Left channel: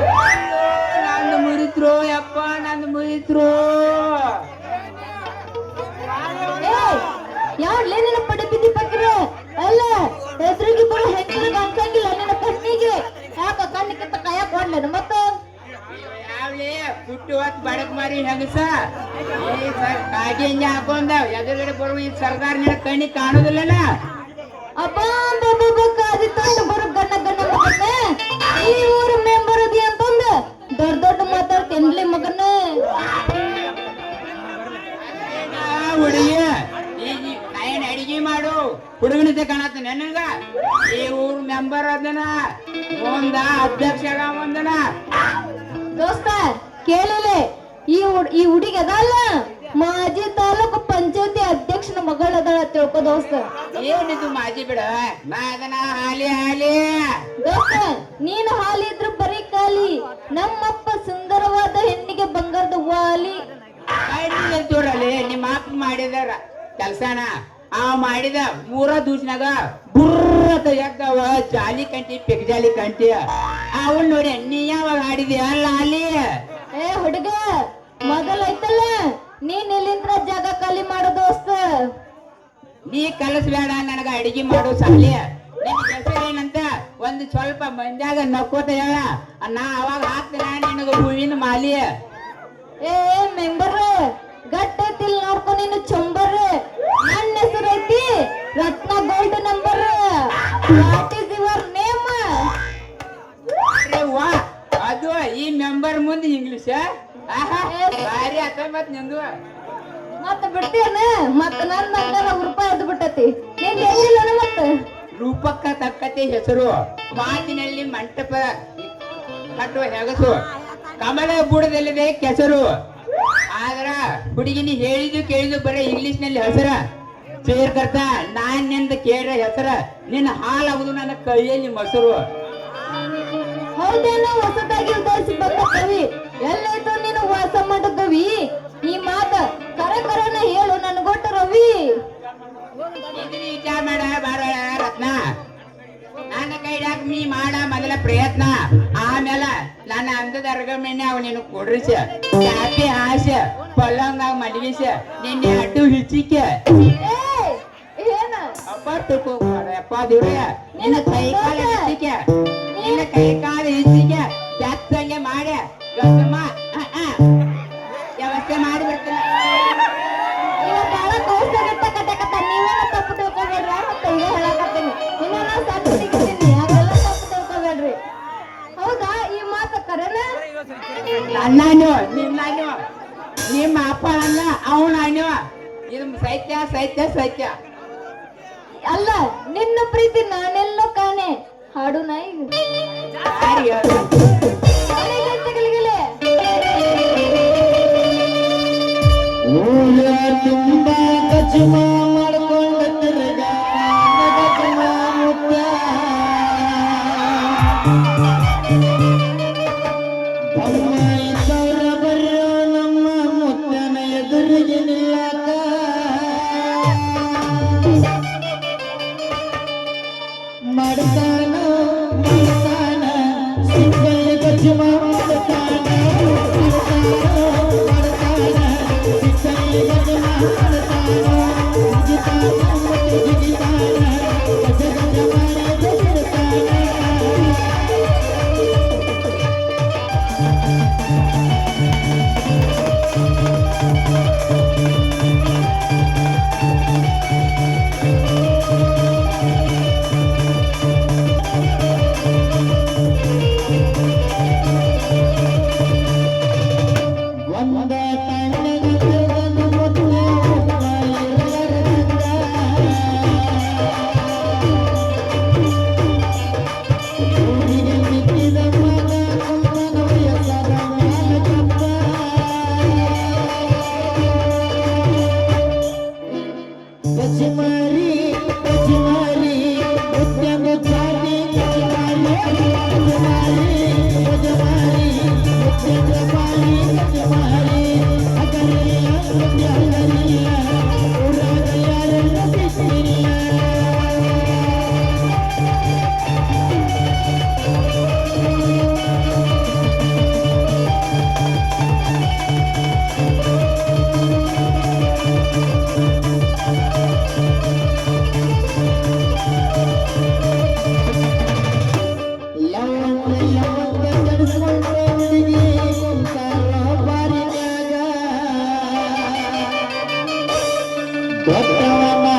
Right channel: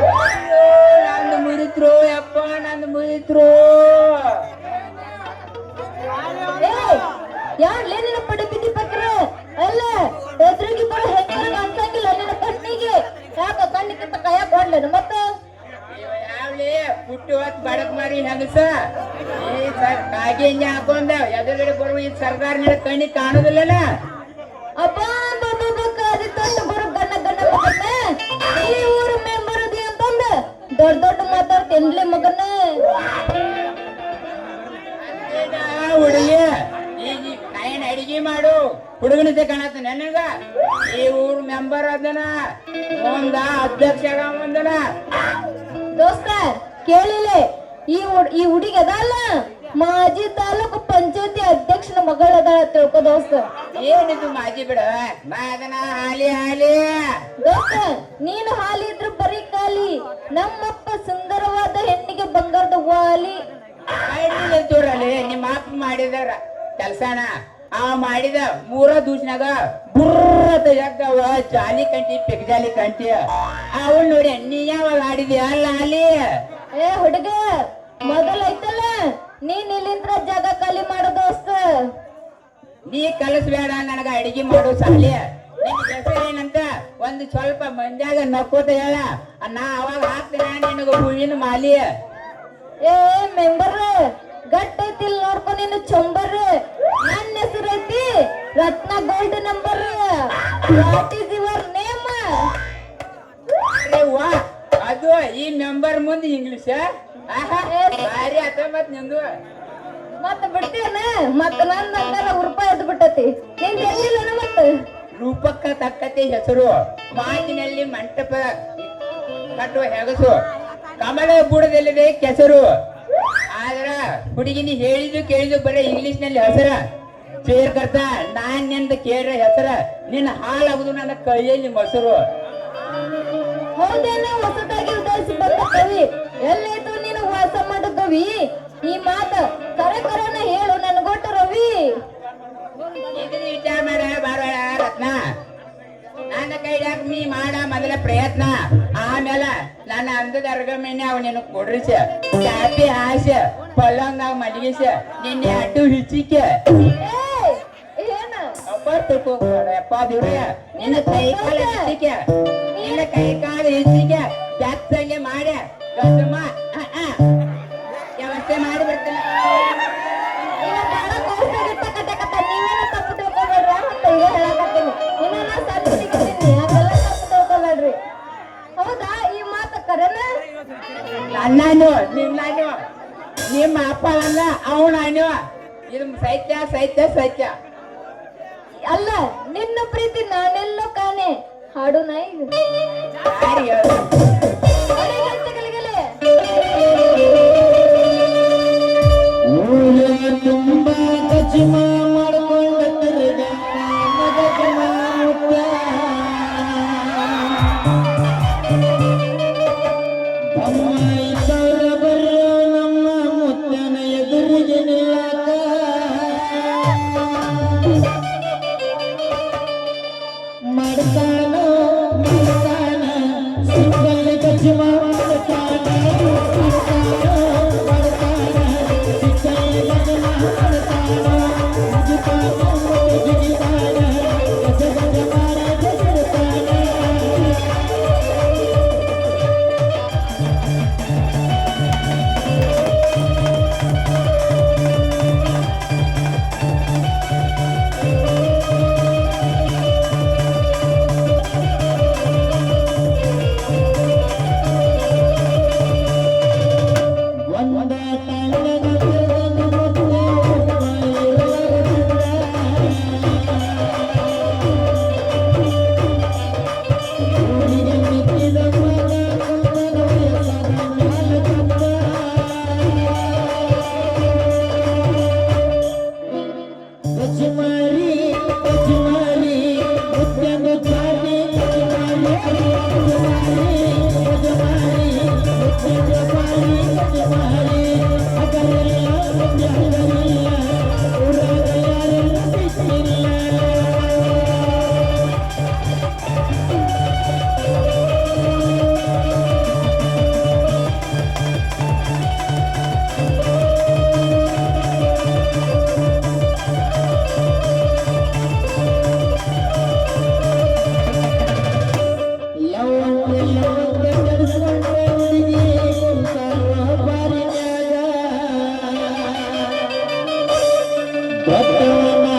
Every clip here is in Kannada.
ನಂದು ಮುರಿದ್ರು ಯಪ್ಪ ನಂದು ಮುರಿದ್ರು ಯಾರ್ ಲೇನಿನ ಪಡಿ ಬಿದ್ದಿ ಅಲ್ಲ ಎದುರಿಗೆ ಬರ ಹೆಂಗ ಅನ್ಸಂಗಿಲ್ಲ ನನ್ನ ಕಣ್ಣಿಗೆ ಯಾಕ ಕಣ್ಣಿಗೆ ಕೈಯ ಕೊಡ್ಲೇನು ಮತ್ತ? ಯಾವ್ಲಿ ಪುಟ್ಟು ಹೊತ್ತು ಬಡಕ್ ಮಾರಿ ಹೆಂಗಸ? ಏ ಸರ್ ಕಾಗಿ ಹಿಂಗೆ ಹಾಕೊಂಡ ಎದುರುಗಡೆ ಬರುವ ಈ ಸರ್ದಾರ್ ನಿನ್ನ ಕಣ್ಣಿಗೆ ಕಾಣುದಿಲ್ಲನ? ಅಪ್ಪ ಒಂದ ಅಧ್ಯಕ್ಷ ಒಂದನ ದೋಸ್ತ ಕೇಳಿಲೇ ಈ ಈ ಹುಡುಗಿ ಅದಲ್ಲ ಮಾಜಿ ತಾಲೂಕು ಪಂಚಾಯತಿ ಅಧ್ಯಕ್ಷನ ಮಗಳ ಅದಾಳ ತಿಳ್ಕೊ ದೋಸ್ತ. ಏನಿದು ಮಾಜಿ ಬಿಡ? ನಾ ಅದನ್ನ ಹಾಲಿ ಹಾಲಿ. ದೋಸ್ತ ನೀನು ಹಾಲಿ ಇದ್ರು ಬರೀ ಕಾಲಿ ನಮ್ಮಪ್ಪ ಸುಂದರವಾದ ಹೆಣ್ಣಿಗೆ ಬಂಗಾರದ ವಾಲಿ. ನಿಂತೂರಲ್ಲಿ ನಿಮ್ಮ ಅಪ್ಪ ಮಾಡಿದಾರ. ಕೆಲ್ಸನ. ಆ ಮಾಡಿದ ಮೂರ ದೂಸ್ನಾಗ ಬುರ್ರತ ತೆಗ್ದವ ಜಾಲಿ ಕಂಟಿ ಪೆಗ್ ಜಾಲಿ ಕಂಟಿ. ಅವಳು ನೋಡಿ ನೀ ಯಾವಾಗ ಆಡಿದ್ಯಾ ಅಲ್ಲ ಏ ಹುಡುಗ ಮೊದಲೈತಲ್ಲ ನೀನ್ ಇಲ್ಲಿಂದ್ರ ಜಾಗ ಖಾಲಿ ಮಾಡು ದೋಸ್ತ. ನೀ ಕಲಿಸ್ಬೇಡ ನನಗ ಅಡಿಗೆ ಮಾಡು ಸಾಲಿ. ನಿನ್ ಹೆಸರೇನಂತ ಏನಂತ ಒಂದು ಸ್ವಲ್ಪ ಮಂಜಾಗ ನಕ್ಕೋತ ಹೇಳ. ನಾ ಅವಾಗ ಹಾಕ್ತೀನ ನಿನಗ ಹೂವಿನ ಮಾಲಿ. ಏ ಮೆಂಬರ್ ಗಟ್ಟೈತಿಲ್ ನೋಡ್ಕೊ ನೀನು ಚಂಬರ್ ನನ್ನ Ratna gold number what is your name ವಾ ಅದು ಈ ನಂಬರ್ ಮುಂದೆ ಇಂಗ್ಲಿಷ್ ಭಾರಿ ಮತ್ ನಿಂದು. ಮತ್ತ ಬಿಡ್ತೇನ ಮತ್ತ ನನ್ ನಂಗನ ರೂಪಾಯಿ ಎದ್ದು ಬಿಟ್ಟತಿ. ನಿಂಗೆ ಎದ್ದಿಲ್ಲ ಮತ್ತ? ರೂಪಕ್ಕ ತಕ್ಕತಿ ಹೆಸರು ಮಾತಿನಲ್ಲಿ ಮಂಟಪ ಕಟ್ಟುವ ಹೆಗಸು. ಕಮಲ ಬುಡದಲ್ಲಿದೆ ಕೆಸರು. ಆದ್ರ ಹುಡುಗಿನಿ ಹೇಳಿದ್ದು ಕೇಳಿದು ಬರೀ ಇಂಗ್ಲಿಷ್ನಲ್ಲಿ ಹೆಸರ. ಸೇರ್ ಕರ್ತ ನಾನ್ನಿಂದ ಕೇಳ್ರ ಹೆಸರ ನಿನ್ನ ಹಾಲಾಗುದು ನನ್ನ ಕೈಯಲ್ಲಿ ಮೊಸರು ಹೌದೇನೋ ಹೊಸದಾಗಿ ಉದಾರಿಸಿ ಬಂದ ಕವಿ ಎಲ್ಲೈತು ನೀನು ವಾಸ ಮಾಡೋ ಕವಿ? ಈ ಮಾತ ಕರ ಕರನ ಹೇಳು ನನ್ಗೊಟ್ಟು ರವಿ. ವಿಚಾರ ಮಾಡ ಬಾರವಾಳ ರತ್ನ. ನನ್ನ ಕೈಯಾಗ ನೀ ಮಾಡ ಮೊದಲ ಪ್ರಯತ್ನ. ನನ್ನ ಅಂದದ ಅರ್ಗಮೇನೆ ಅವ್ ನಿನ್ನ ಕೊಡ್ರಿಸ ಚಾಪಿ ಹಾಸ ಪಲ್ಲಂಗ ಮಡಗಿಸ ನಿನ್ನೆ ಅಡ್ಡು ಹಿಚಿಕೆ ಅಪ್ಪ ದೇವ್ರಯ್ಯ ನಿನ್ನ ಕೈ ಕಾಲ ಹಿಚಿಕೆ ನಿನ್ನ ಕೈ ಕಾಲ ಹಿಚಿಕೆ ಬೆತ್ತಂಗೆ ಮಾಡಿ ಗದ್ದಮ್ಮ ಹಾಡು ನಾ Yeah. Amen.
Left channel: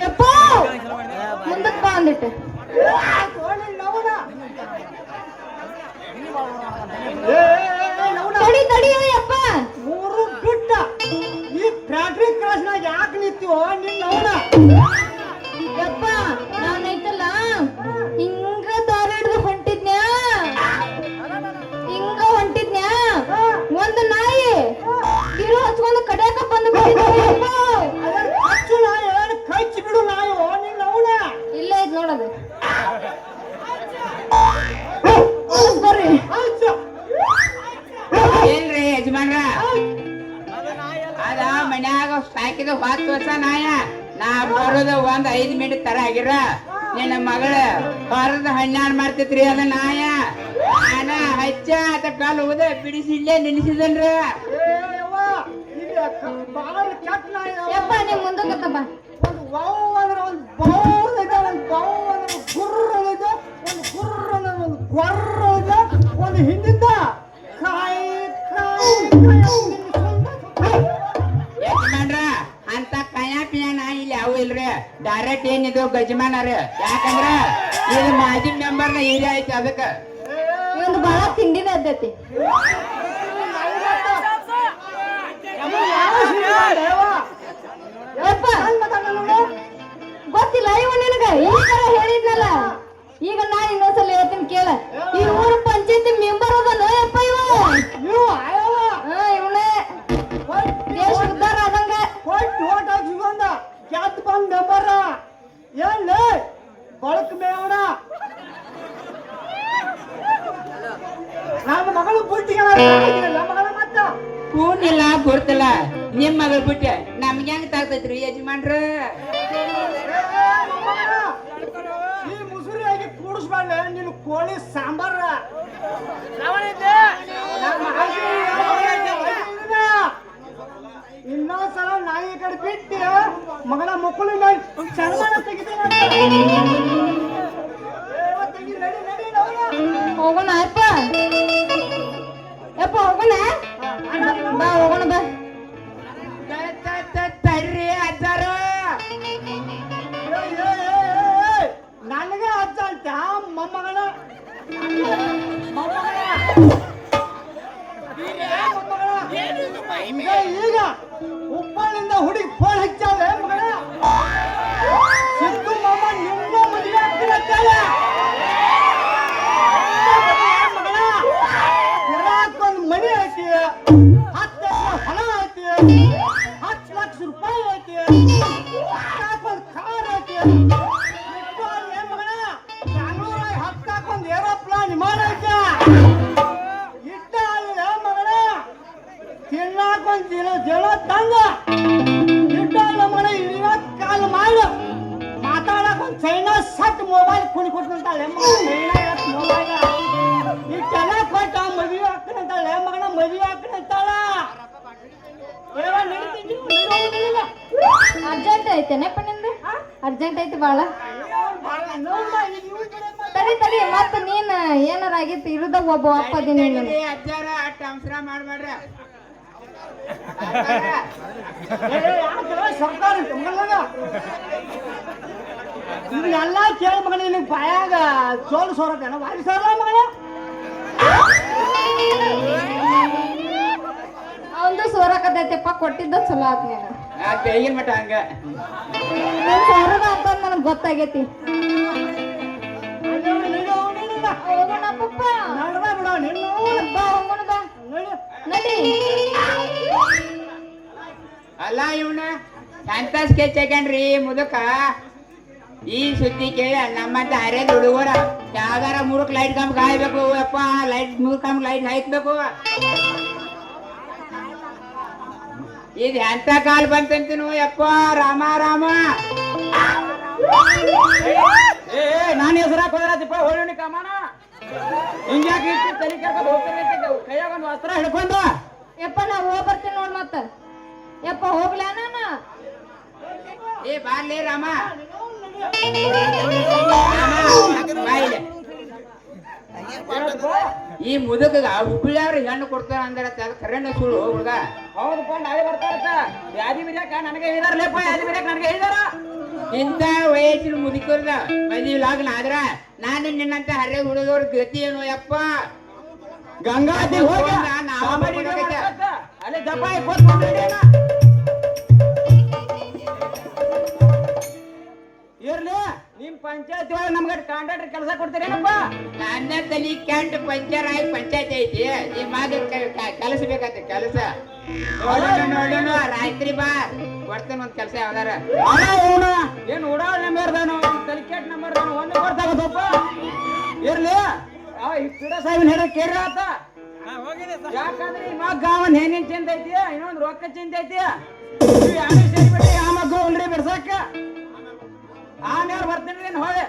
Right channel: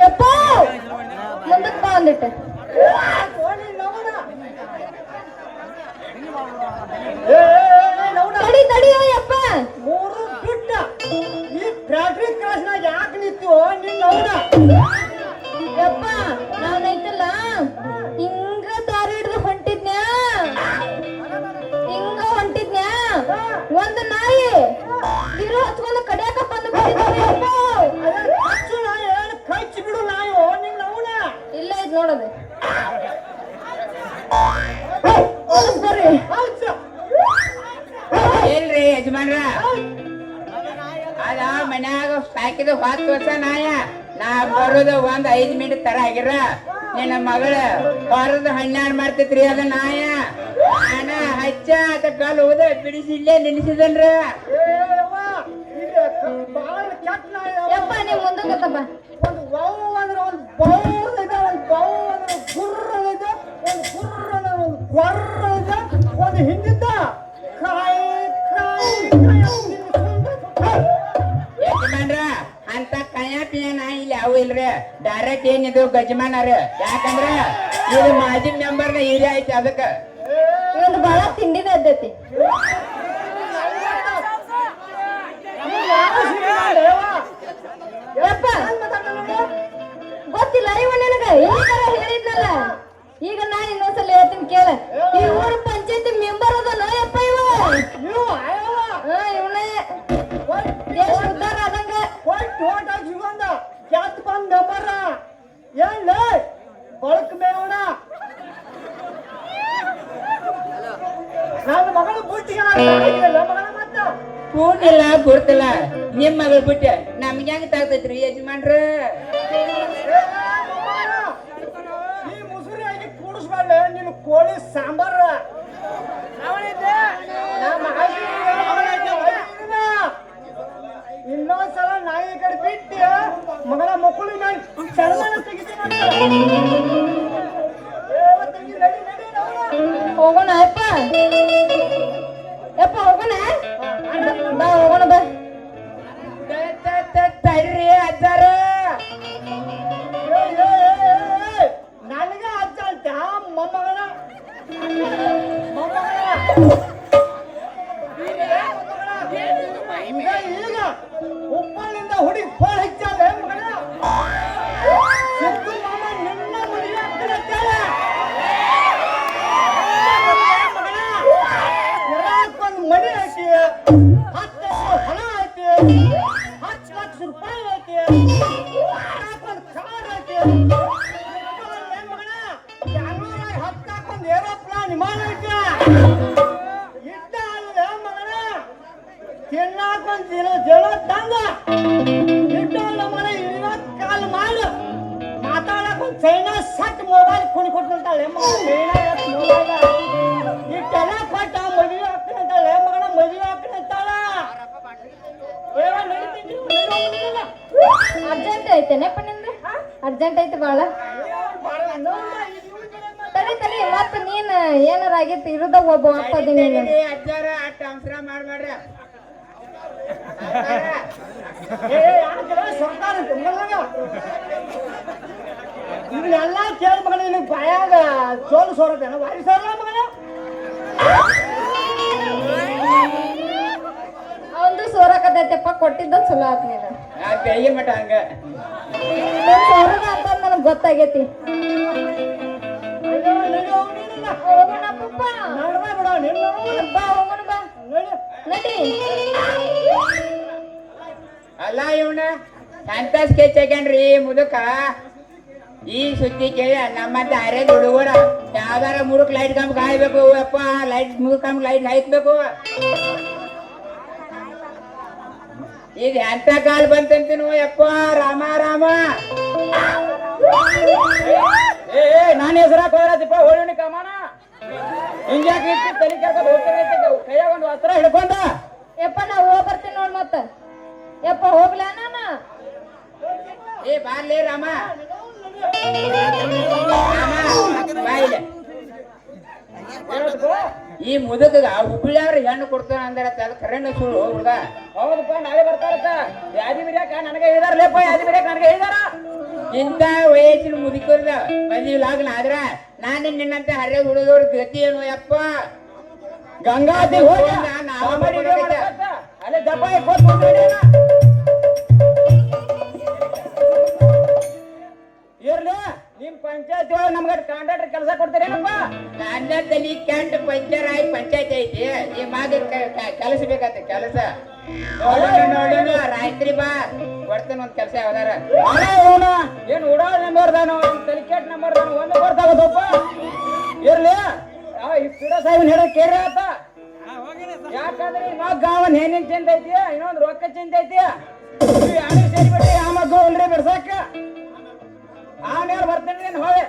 ಯಪ್ಪ ಮುಂದಕ್ಕೆ ಬಾ ಅಂದಿಟ್ಟೆ ಓಡಿ ಲವಣ. ಏ, ಏ, ಏ, ಲವಣ. ತಡಿ ತಡಿ ಯಪ್ಪ ಮೂರು ಬಿಟ್ಟ ಈ ಫ್ಯಾಕ್ಟ್ರಿ ಕ್ರಾಸ್ನಾಗ ಯಾಕೆ ನಿಂತೀವೋ ನಿನ್ನ ಅವನ ಹನ್ನೆರಡು ಮಾಡ್ತೈತ್ರಿ ಅದ ನಾಯ. ನಾನ ಹಚ್ಚ ಅದ ಕಾಲು ಹೋದ ಬಿಡಿಸಿ ಇಲ್ಲೇ ನೆನೆಸಿದನ್ರಿ ಏ ಯವ್ವ, ಇದು ಬಾಳ ಕೆಟ್ಟ ನಾಯಿ ಯಪ್ಪ ನೀವ್ ಮುಂದಕ್ಕೆ ಬಾ ಒಂದು ವೌ ಅಂದ್ರೆ ಒಂದು ಇದೆ ಒಂದು ಬೌ ಅಂದ್ರೆ ಒಂದು ಗುರ್ರ ಇದೆ ಒಂದು ಗುರ್ರ ಅಂದ್ರೆ ಒಂದು ಗೊರ್ರ ಇದೆ ಒಂದು ಹಿಂದಿಂದ ಕಾಯಿ ಕಾಯಿ ಕಾಯಿ ಅಂತ ಕಯಾ ಪಿಯಾ ಸುತ್ತ. ಅಂತ ಕಯ ಪಿಯ ನಾಯಿ ಇಲ್ಲಿ ಅವು ಇಲ್ರಿ. ಡೈರೆಕ್ಟ್ ಏನಿದು ಗಜಮಾನ ರೀ ಯಾಕಂದ್ರ ಇದು ಮಾಜಿ ಮೆಂಬರ್ನ ಏರಿಯಾ ಐತಿ ಅದಕ್ಕ. ಇವೊಂದು ಬಹಳ ತಿಂಡಿನ ಅದ್ದತಿ? ಗೊತ್ತಿಲ್ಲ ಇವ ನಿನಗ ಈಗ ಹೇಳಿದ್ನಲ್ಲ. ಈಗ ನಾ ಇನ್ನೊಂದ್ಸಲ ಹೇಳ್ತೀನಿ ಕೇಳ. ಈ ಊರ ಪಂಚಾಯತಿ ಮೆಂಬರ್ ಅದ ಯಪ್ಪ ಇವ? ಇವನೇ. ದೇಶ ಉದ್ಧಾರ ಆದಂಗ? ಕೊಟ್ಟು ಹಾಕಿ ಬಂದ ಕೆತ್ತ ಬಂದ್ ಏನ್ ಲೇ? ಬಳಕ್ ಮೇವಣ ನನ್ನ ಮಗಳು ಬುಟ್ಟಿಗೆ ಮಗಳ ಮತ್ತ. ಕೂನಿಲ್ಲ ಗುರ್ತಿಲ್ಲ ನಿಮ್ ಮಗಳು ಬಿಟ್ಟೆ ನಮ್ಗೆ ಹೆಂಗ್ ತಾಗ್ತೈತ್ರಿ ಯಜಮಾನ್ರ? ಈ ಮುಸುರಿಯಾಗಿ ಕೂಡಿಸ್ಬಾರ್ದ ನೀನು ಕೋಳಿ ಸಾಂಬಾರ. ಇನ್ನೊಂದ್ಸಲ ನಾಯಿ ಕಡೆ ಬಿಟ್ಟು ಮಗನ ಮಕ್ಕಳು ನಾನು ಅರ್ಜೆಂಟ್ ಐತಿ ಬಾಳ. ತಡಿ ತಡಿ ಮತ್ತ ನೀನ್ ಏನಾರ ಆಗಿತ್ತು? ಇರುದಾಗ ಒಬ್ಬ ಅಪ್ಪ ಅದೀನಿ ನೀನು. ಅಜ್ಜಾರ ಅಟ್ಟ ಅವಸರ ಮಾಡ್ಬೇಡ್ರಿ. ಸರ್ಕಾರ ಇದನ್ನೆಲ್ಲ ಕೇಳಿ ಮಗನ ನಿನಗೆ ಬಾಯಾಗ ಸೋಲ್ ಸೋರದೇನ ವಾರಿ ಸೋರ ಮಗನ ಅವಂದು ಕೊಟ್ಟಿದ್ದ ಚಲೋ ಆತ್ ನೀನು. ನಾ ಬೆಳಗಿನ ಮಟ ಹಂಗ? ಸೋರದ ಅಂತ ನನಗ್ ಗೊತ್ತಾಗೈತಿ. ಅಲ್ಲ, ಇವನ ಸ್ಕೆಚ್ ಹಾಕ್ಯಾನ್ರಿ ಮುದಕ. ಈ ಸುದ್ದಿ ಕೇಳಿ ನಮ್ಮಂತ ಅರೇದ್ ಹುಡುಗರ ಯಾವ್ದಾರ ಮುರುಕ್ ಲೈಟ್ ಕಂಬ ಕಾಯ್ಬೇಕು, ಅಪ್ಪ ಲೈಟ್ ಮುರುಕ್ ಕಂಬ ಲೈಟ್ ಹಾಯ್ಸ್ಬೇಕು. ಇದು ಎಂತ ಕಾಲ್ ಬಂತಂತೀನು ಯಪ್ಪ ರಾಮ ರಾಮ ಏ ನಾನು ಹೆಸರಾಕ್ ಹೋದ್ರಪ್ಪ ಹೋಳಿ ಕಾಮಣ ಹಿಂಗ್ಯಾಕ ಇಟ್ಟು ತಲೆ ಕೇಳ್ಕೊಂಡು ಹೋಗ್ತಾರೆ ಕೈಯ ಒಂದು ವಸ್ತ್ರ ಹಿಡ್ಕೊಂಡ ಯಪ್ಪ ನಾ ಹೋಗ್ ಬರ್ತೀನಿ ನೋಡ್ ಮತ್ತ ಯಪ್ಪ ಹೋಗ್ಲ ನಾನು ಏ ಬಾರ್ಲಿ ರಾಮ ರಾಮ, ಬಾ ಇಲ್ಲಿ. ಈ ಮುದುಕಗ ಹುಬ್ಳಿಯವ್ರ ಹೆಣ್ಣು ಕೊಡ್ತಾರ ಅಂದ್ರೆ ಅದು ಕರೆಣ್ಣ ಸುಳ್ಳು ಹುಡುಗ. ಹೌದಪ್ಪ ನಾಳೆ ಬರ್ತಾರತ್ತ ಯಾದಿ ಬಿರಿಯಾಕ ನನಗೆ ಹೇಳಿದಾರ ಲೇಪ ಯಾದಿ ಬಿರಿಯಾಕ ನನಗೆ ಹೇಳಿದಾರ. ಇಂಥ ವಯಸ್ಸಿನ ಮುದುಕರ್ದ ಮದುವೆ ಲಾಗ್ನ ಆದ್ರ ನಾನು ನಿನ್ನಂತ ಹರ್ರೆ ಹುಡುಗವ್ರ ಗತಿ ಏನು ಯಪ್ಪ? ಗಂಗಾದಿ ಹೋಗಿ. ಅಲ್ಲೇ ಇರ್ಲಿ ಪಂಚಾಯತ್ ಒಳಗೆ ನಮ್ಗೆ ಕಾಂಟ್ರಾಕ್ಟರ್ ಕೆಲಸ ಕೊಡ್ತೀರೇನಪ್ಪ? ನನ್ನ ತಲಿ ಕ್ಯಾಂಟ್ ಪಂಚರ್ ಆಗಿ ಪಂಚಾಯತ್ ಐತಿ. ಈ ಮಾದ ಕಲಿಸ್ಬೇಕಂತ ಕೆಲಸ. ನೋಡೋಣ ನೋಡೋಣ. ರಾತ್ರಿ ಬಾ. ಕೊಡ್ತಾನ ಒಂದ್ ಕೆಲಸ ಯಾವ್ದಾರ. ಏನ್ ಉಡಾ ನಂಬರ್ ದಾನು ತಲಿಕೆಟ್ ನಂಬರ್ ದಾನು ಒಂದೇ ಕೊಡ್ತಾಗೋದಪ್ಪ ಇರ್ಲಿ. ಆ ಪಿಡ ಸಾಹೇಬನ್ ಹೇಳ ಕೇಳ ಆತ. ಯಾಕಂದ್ರೆ ಈ ಗಾವನ್ ಏನೇನ್ ಚಿಂತೆ ಐತಿ? ಇನ್ನೊಂದ್ ರೊಕ್ಕ ಚಿಂತೆ ಐತಿ. ಯಾರು ಸೇರಿ ಬಿಟ್ಟು ಆ ಮಗ್ಗ ಬಿಡ್ಸಾಕ. ಆಮೇಲೆ ಬರ್ತೀನಿ ಹೋಗಿ